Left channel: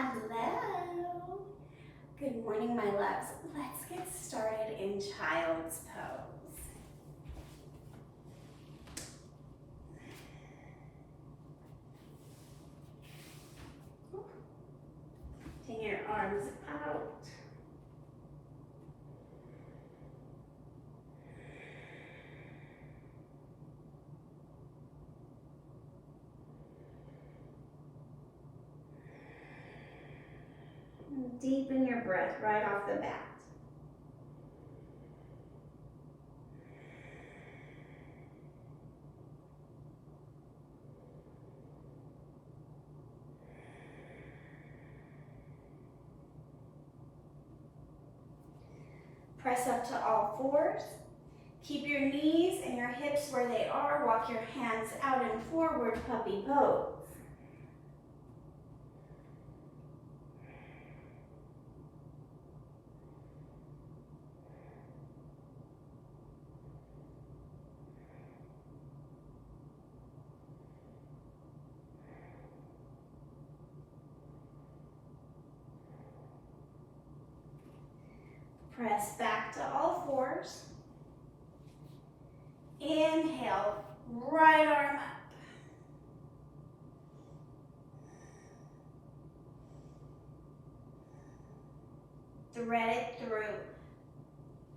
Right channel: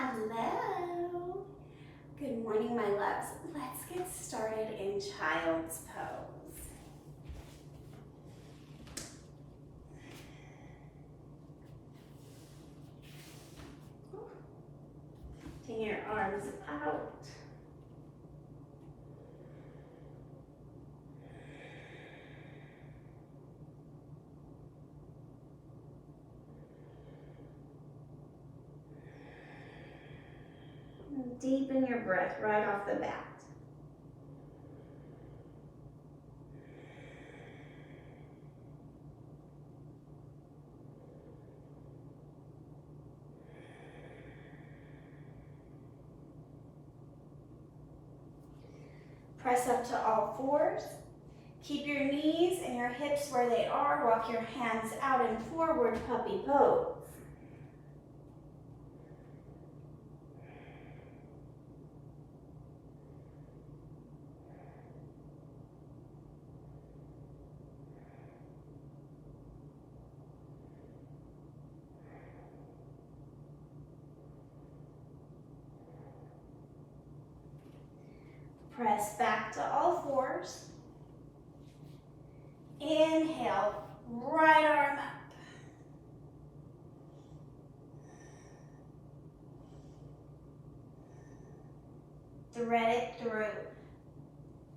Hello. Good morning, my loves. Let's get started in child's pose. Taking your arms out. Deepen your breath right off the bat. Press up to all fours. Keep your knees and your hips where they are. Walk your hands out and forward, puppy pose. Press back to all fours. Inhale, right arm up. Thread it through.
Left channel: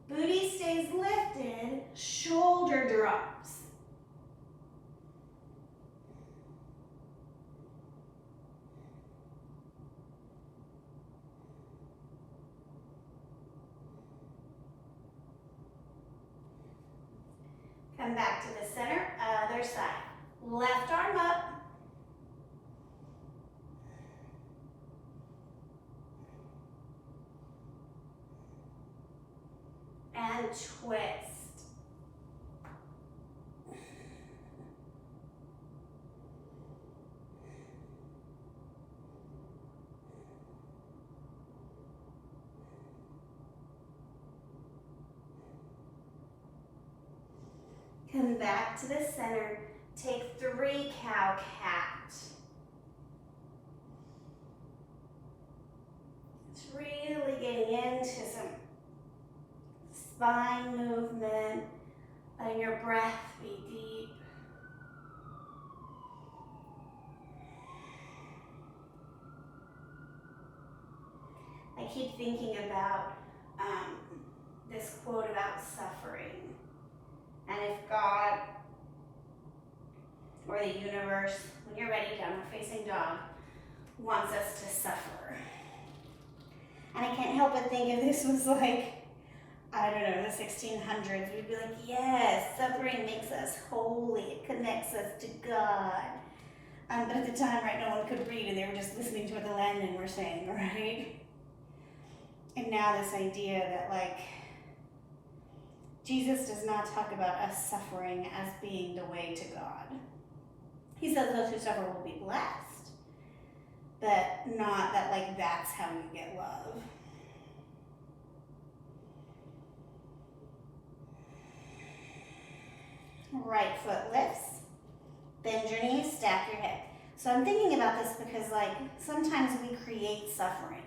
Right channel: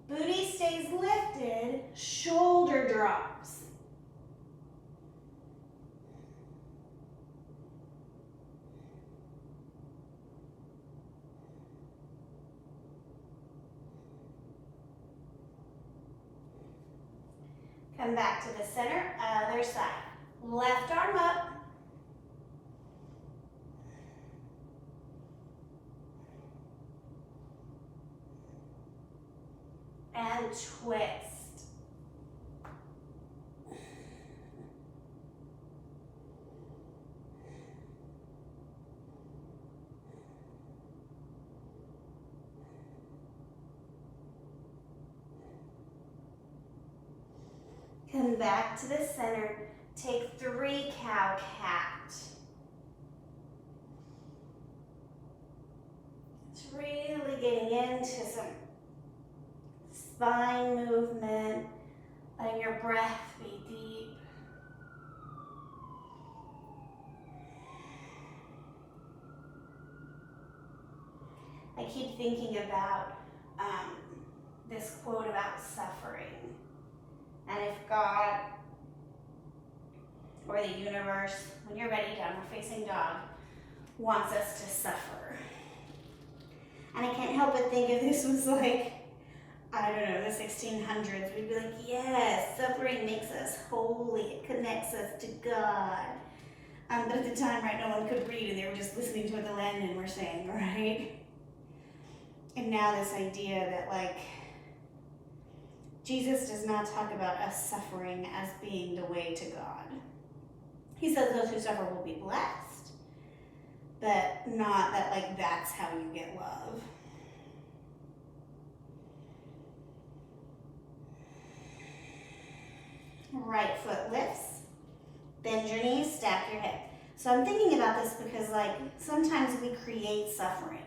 Booty stays lifted, shoulder drops. Come back to the center, other side. Left arm up. And twist. Come back to the center. Take 3 cow cat. It's really getting into some spine movement, letting your breath be deep. I keep thinking about this quote about suffering. And if God or the universe, when you're ready, downward facing dog, wants us to suffer. And I can't help but think if this was like, I don't know, the 1600s, we'd be like, yes, suffering makes us holy. It connects us to God. But at the time, right, no one could read, and they were just listening to what the landmen were saying, right? And now this idea that, like, Jesus does not talk about us suffering as being the way to God. He says those who suffer will be blessed, but not that, like, that's how you get love. Right foot lifts, bend your knees, stack your hip. So I'm thinking about this because, like, sometimes we create suffering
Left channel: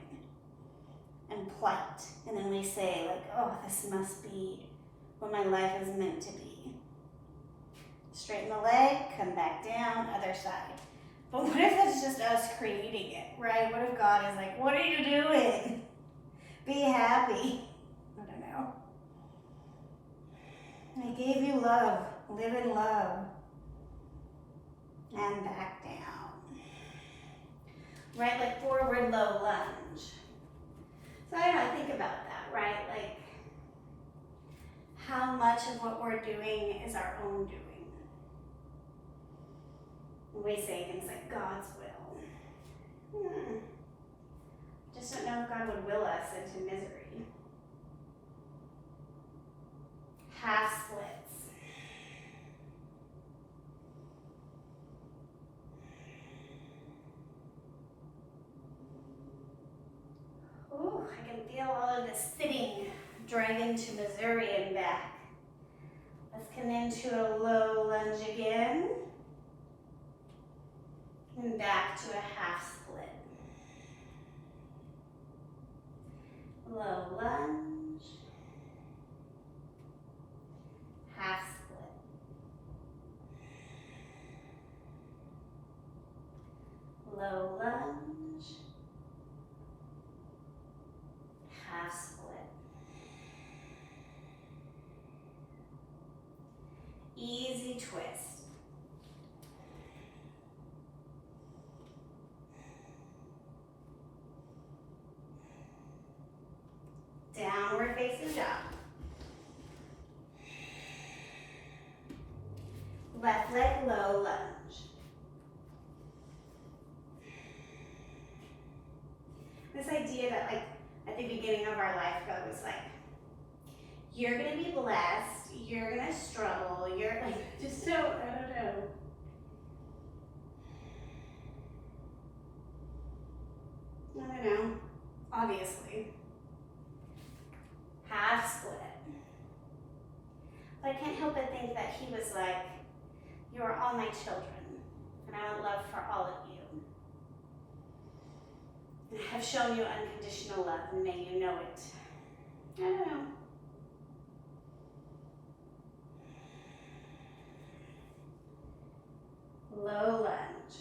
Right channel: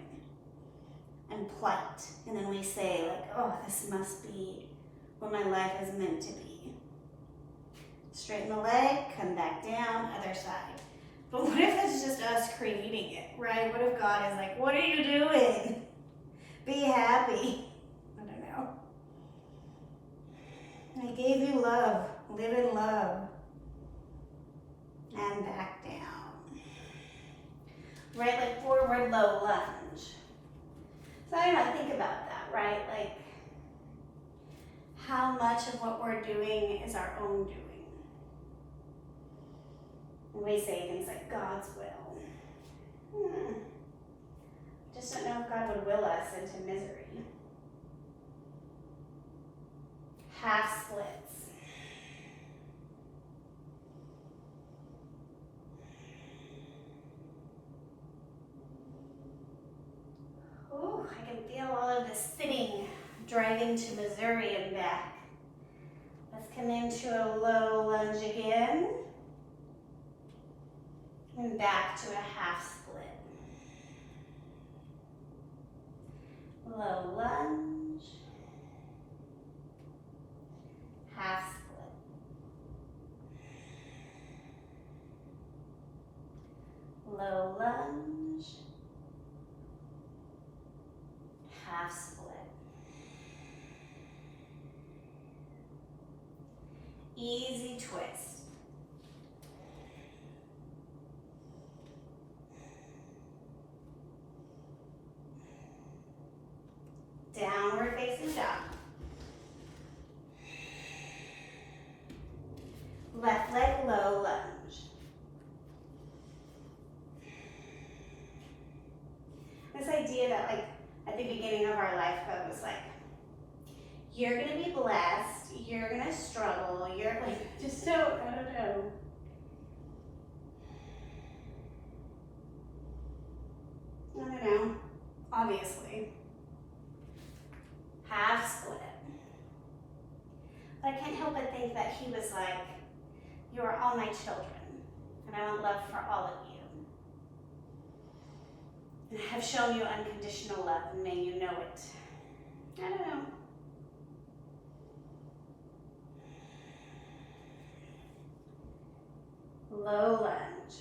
and plight, and then we say, like, oh, this must be what my life is meant to be. Straighten the leg, come back down, other side. But what if it's just us creating it, right? What if God is like, what are you doing? Be happy. I don't know. I gave you love. Live in love. And back down. Right leg forward, low lunge. So I think about that, right? Like, how much of what we're doing is our own doing? And we say things like God's will. Just don't know if God would will us into misery. Half splits. Ooh, I can feel all of this sitting dragging to Missouri and back. Let's come into a low lunge again. And back to a half split. low lunge, half split. Low lunge, half split. Easy twist. Downward facing dog. Left leg low lunge. This idea that like at the beginning of our life God was like, you're gonna be blessed, you're gonna struggle, you're like, just don't, I don't know. I don't know, obviously. Half split. But I can't help but think that he was like, you are all my children, and I want love for all of you. And I have shown you unconditional love, and may you know it. I don't know. Low lunge.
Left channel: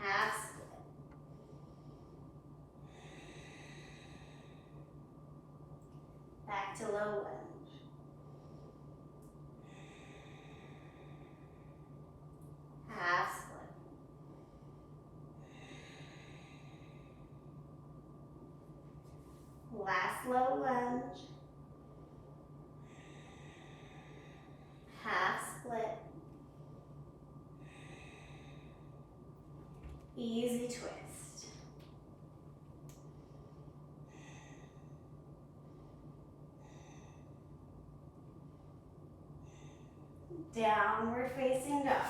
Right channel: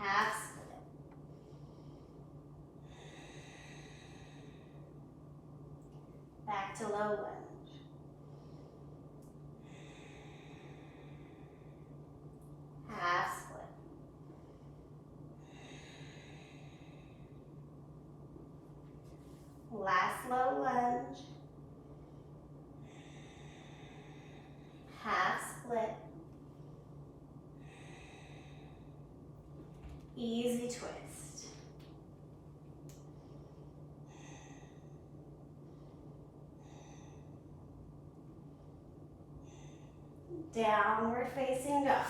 Half split. Back to low lunge. Half split. Last low lunge. Half split. Easy twist. Downward facing dog.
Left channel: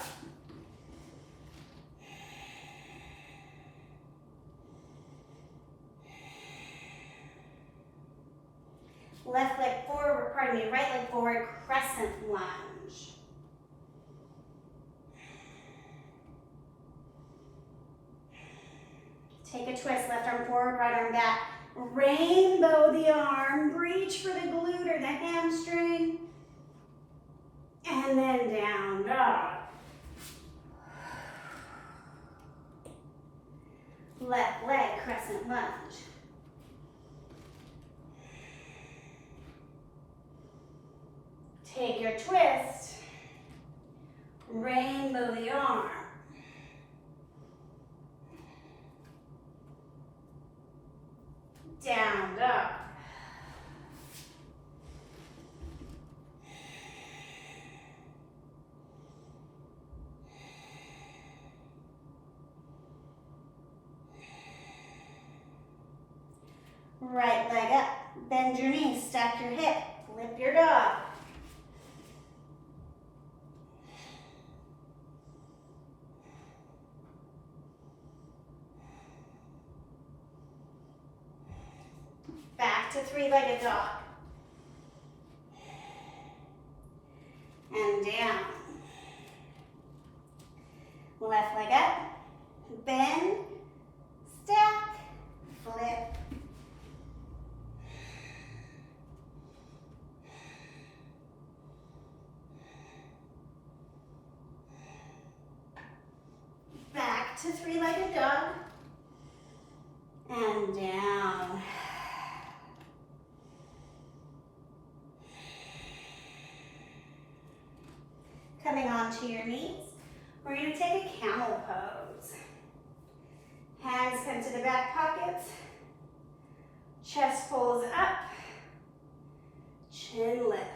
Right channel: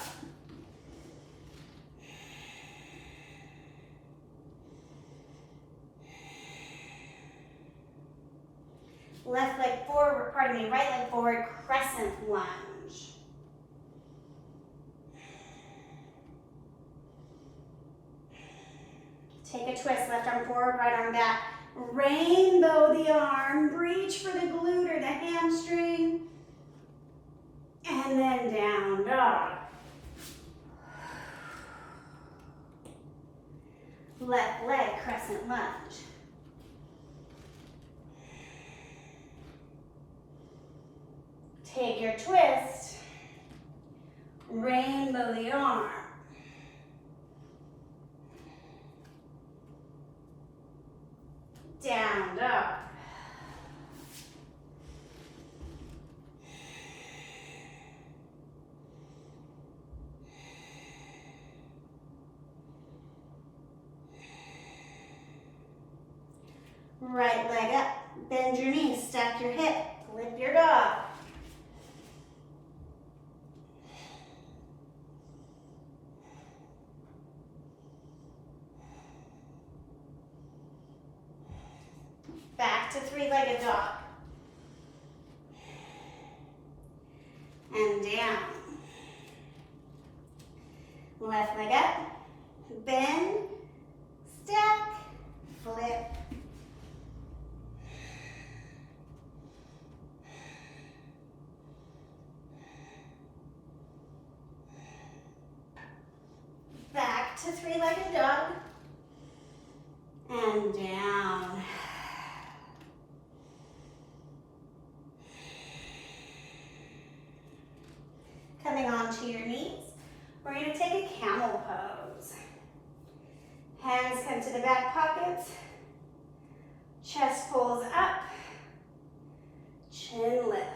Left leg forward, pardon me, right leg forward, crescent lunge. Take a twist, left arm forward, right arm back. Rainbow the arm, reach for the glute or the hamstring. And then down dog. Left leg crescent lunge. Take your twist, rainbow the arm. Down dog. Right leg up, bend your knees, stack your hip, flip your dog. Back to three-legged dog. And down. Left leg up, bend, stack, flip. Back to three-legged dog. And down. Coming onto your knees, we're going to take a camel pose. Hands come to the back pockets, chest pulls up, chin lifts.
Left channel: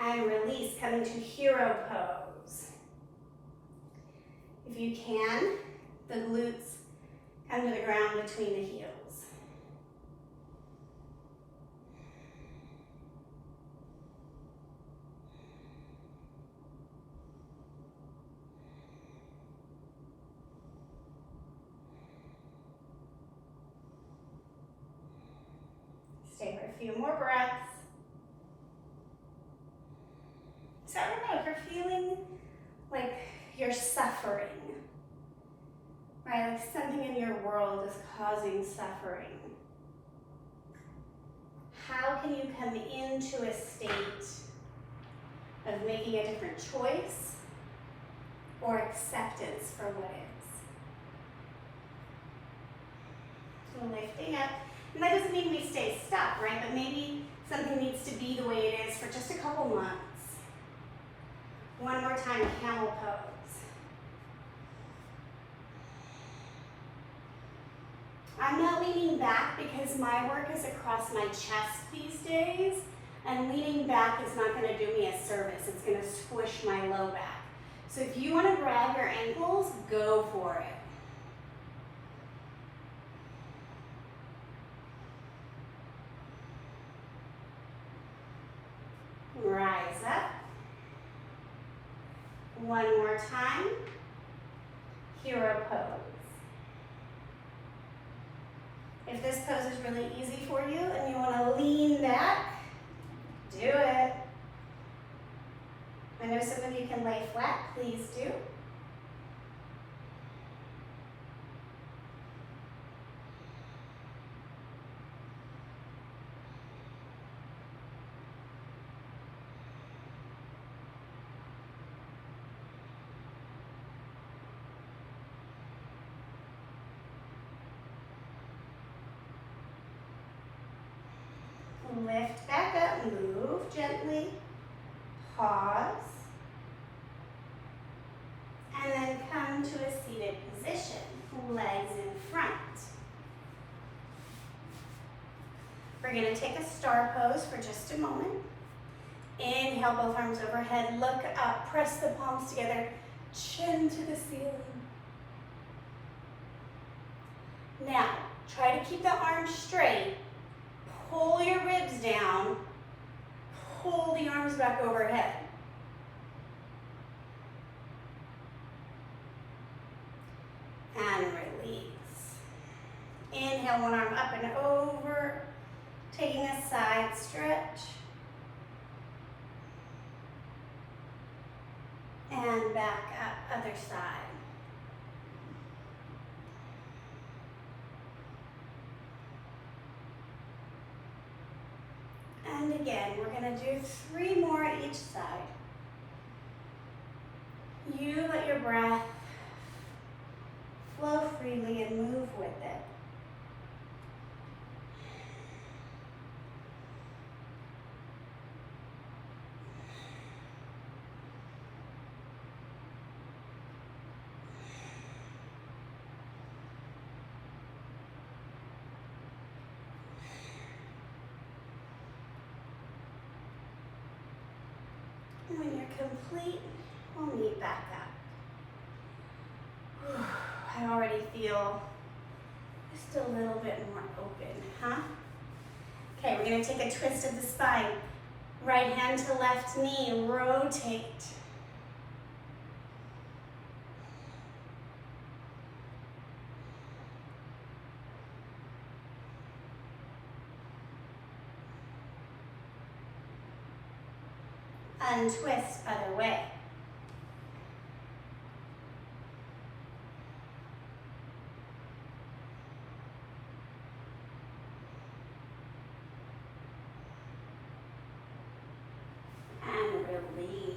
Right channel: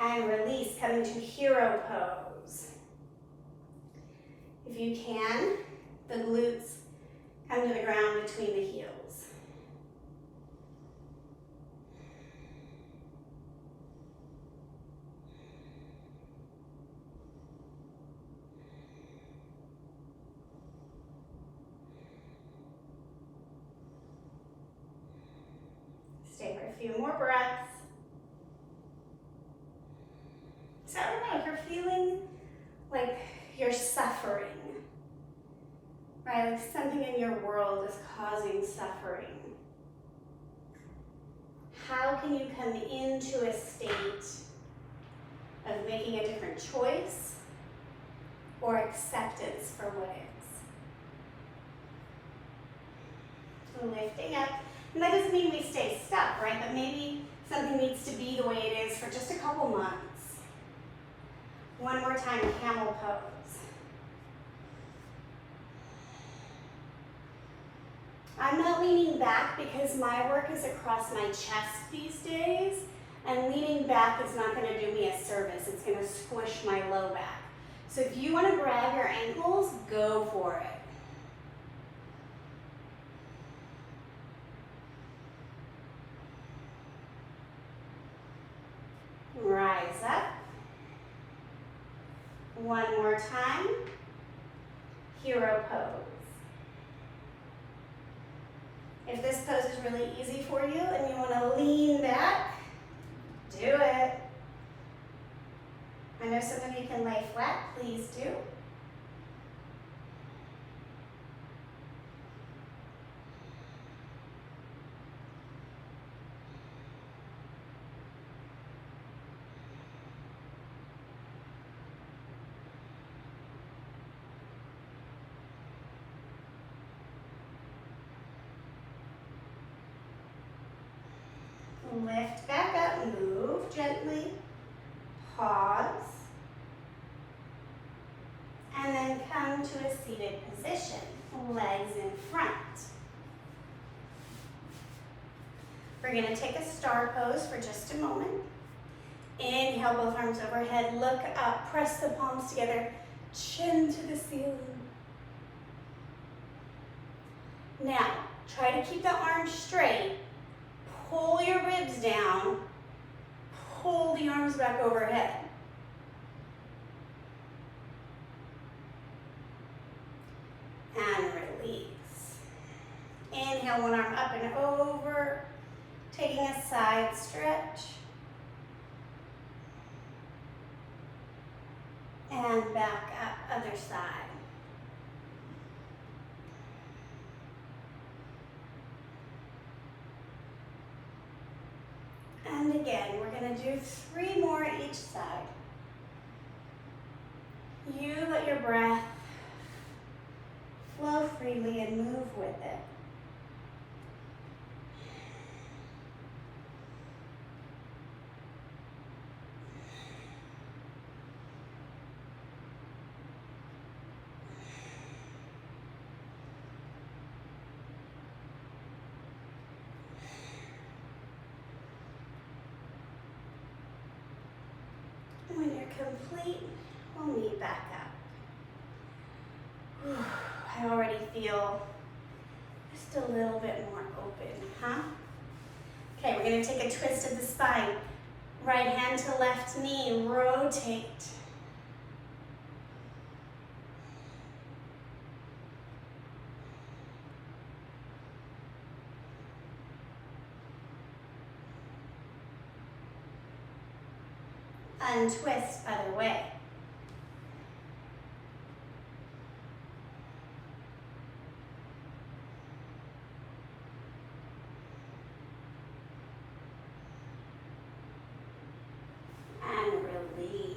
And release, coming to hero pose. If you can, the glutes come to the ground between the heels. A few more breaths. So I don't know, if you're feeling like you're suffering, right? Like something in your world is causing suffering. How can you come into a state of making a different choice or acceptance for what is? So lifting up. And that doesn't mean we stay stuck, right? But maybe something needs to be the way it is for just a couple months. One more time, camel pose. I'm not leaning back because my work is across my chest these days, and leaning back is not going to do me a service. It's going to squish my low back. So if you want to grab your ankles, go for it. Rise up. One more time. Hero pose. If this pose is really easy for you and you want to lean back, do it. I know some of you can lay flat, please do. Lift back up, move gently, pause, and then come to a seated position, legs in front. We're going to take a star pose for just a moment. Inhale, both arms overhead, look up, press the palms together, chin to the ceiling. Now, try to keep the arms straight. Pull your ribs down, pull the arms back overhead. And release. Inhale, one arm up and over, taking a side stretch. And back up, other side. And again, we're going to do 3 more each side. You let your breath flow freely and move with it. When you're complete, we'll meet back up. I already feel just a little bit more open, huh? Okay, we're gonna take a twist of the spine. Right hand to left knee, rotate. Untwist, other way. And release.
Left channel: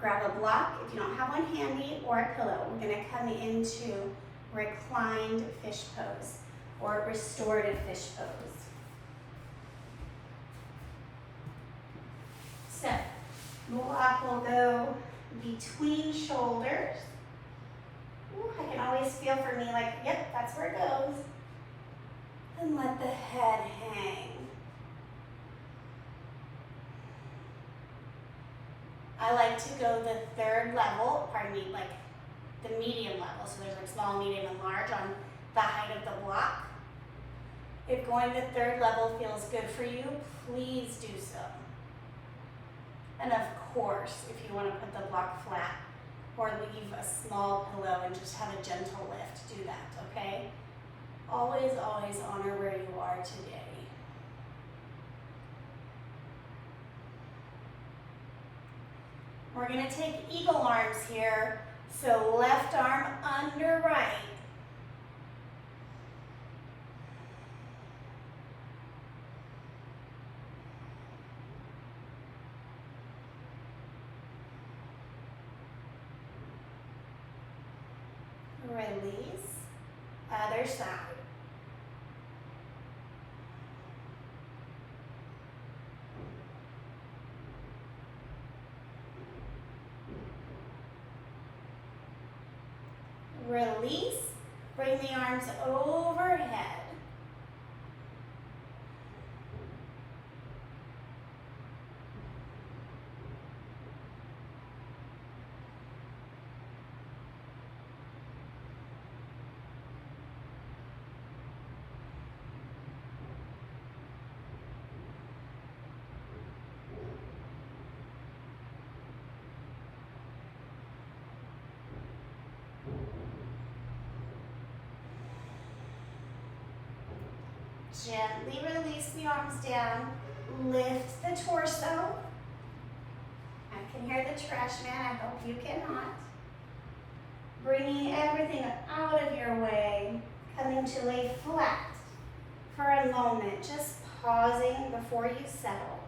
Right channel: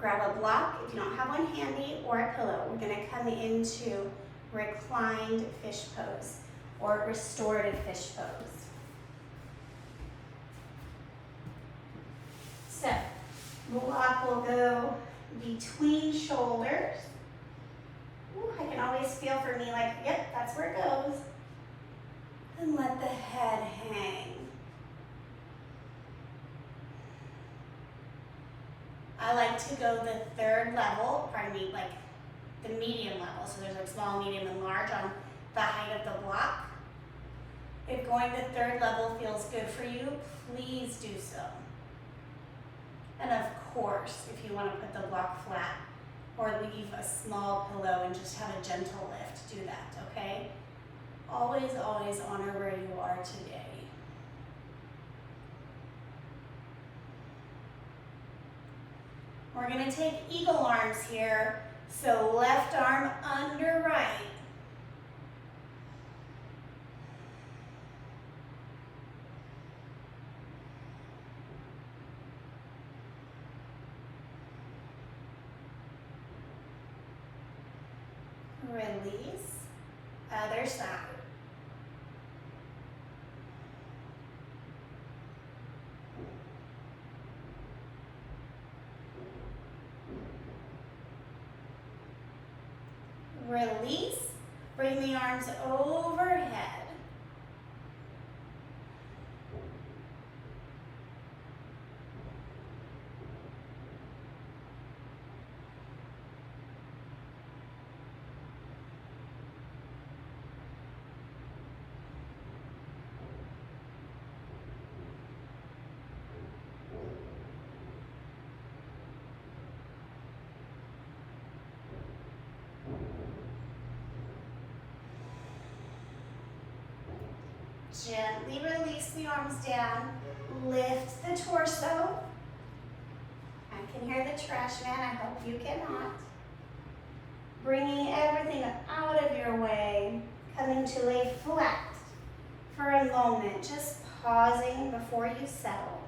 Grab a block if you don't have one handy or a pillow. We're going to come into reclined fish pose or restorative fish pose. So, block will go between shoulders. Ooh, I can always feel for me like, yep, that's where it goes. And let the head hang. I like to go the 3rd level, pardon me, like the medium level. So there's like small, medium, and large on the height of the block. If going the 3rd level feels good for you, please do so. And of course, if you want to put the block flat or leave a small pillow and just have a gentle lift, do that, okay? Always, always honor where you are today. We're going to take eagle arms here. So left arm under right. Release, other side. Release, bring the arms overhead. Gently release the arms down. Lift the torso. I can hear the trash man. I hope you cannot. Bringing everything out of your way. Coming to lay flat for a moment. Just pausing before you settle.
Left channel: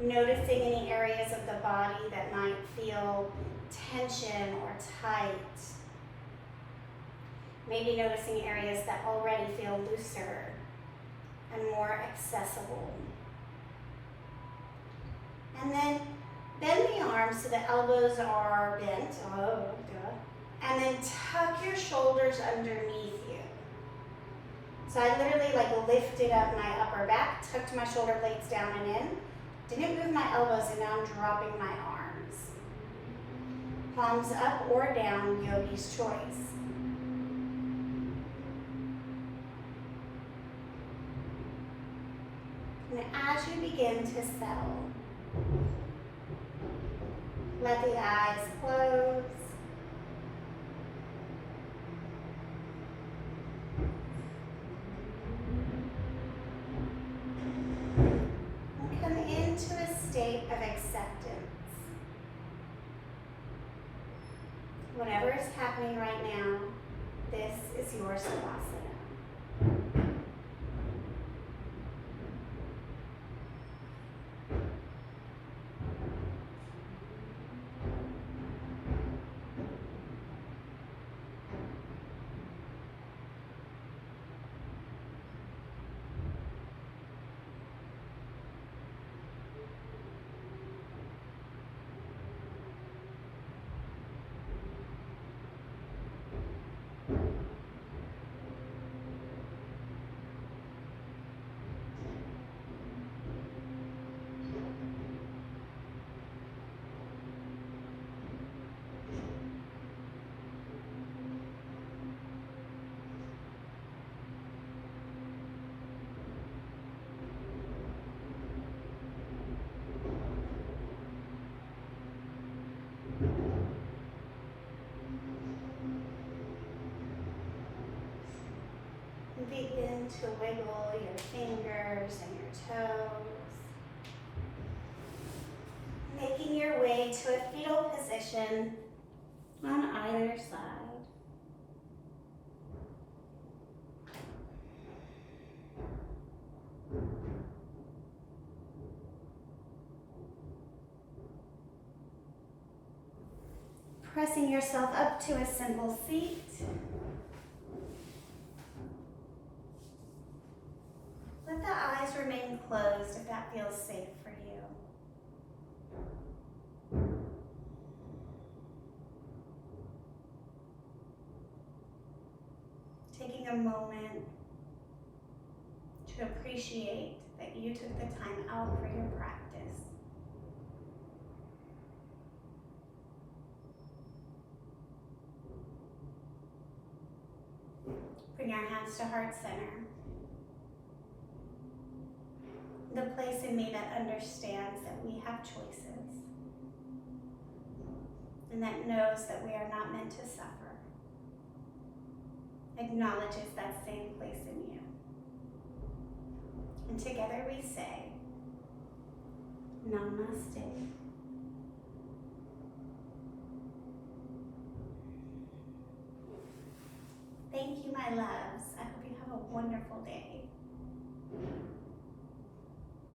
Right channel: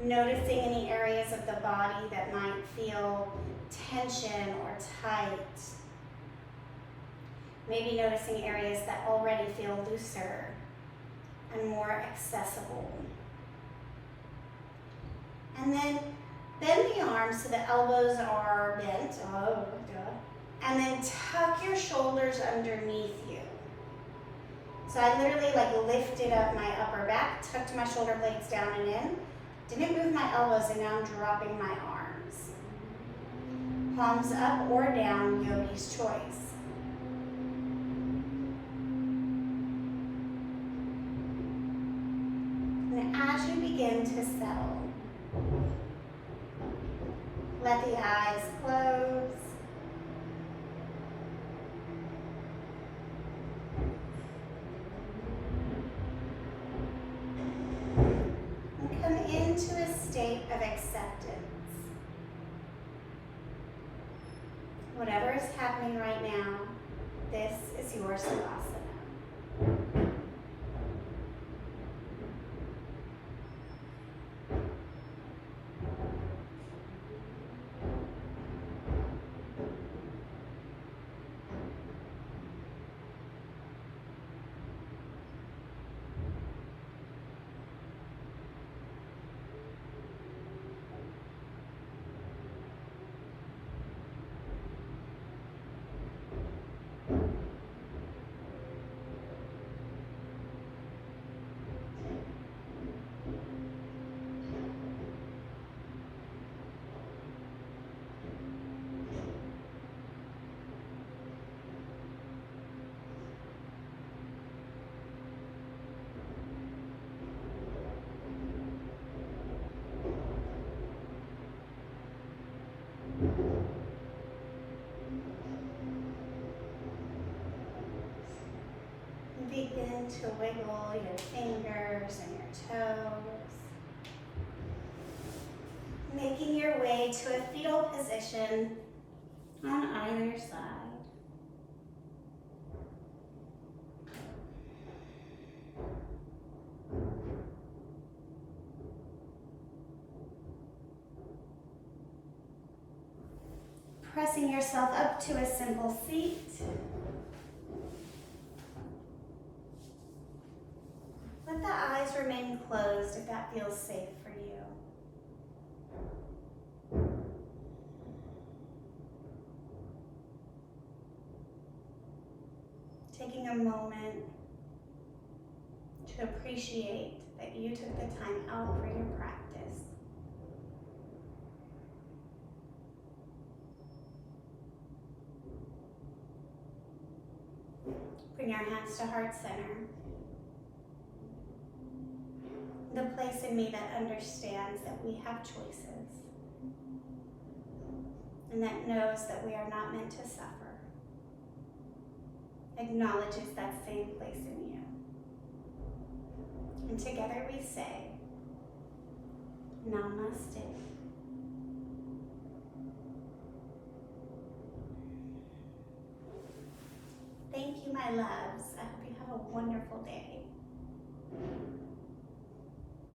Noticing any areas of the body that might feel tension or tight. Maybe noticing areas that already feel looser and more accessible. And then bend the arms so the elbows are bent. Oh, good. And then tuck your shoulders underneath you. So I literally lifted up my upper back, tucked my shoulder blades down and in. Didn't move my elbows, and now I'm dropping my arms. Palms up or down, yogi's choice. And as you begin to settle, let the eyes close. And come into a state of acceptance. Whatever is happening right now, this is your savasana. Begin to wiggle your fingers and your toes, making your way to a fetal position on either side. Pressing yourself up to a simple seat. Let the eyes remain closed if that feels safe for you. Taking a moment to appreciate that you took the time out for your practice. Bring your hands to heart center. The place in me that understands that we have choices and that knows that we are not meant to suffer. Acknowledges that same place in you. And together we say, Namaste. Thank you, my loves. I hope you have a wonderful day.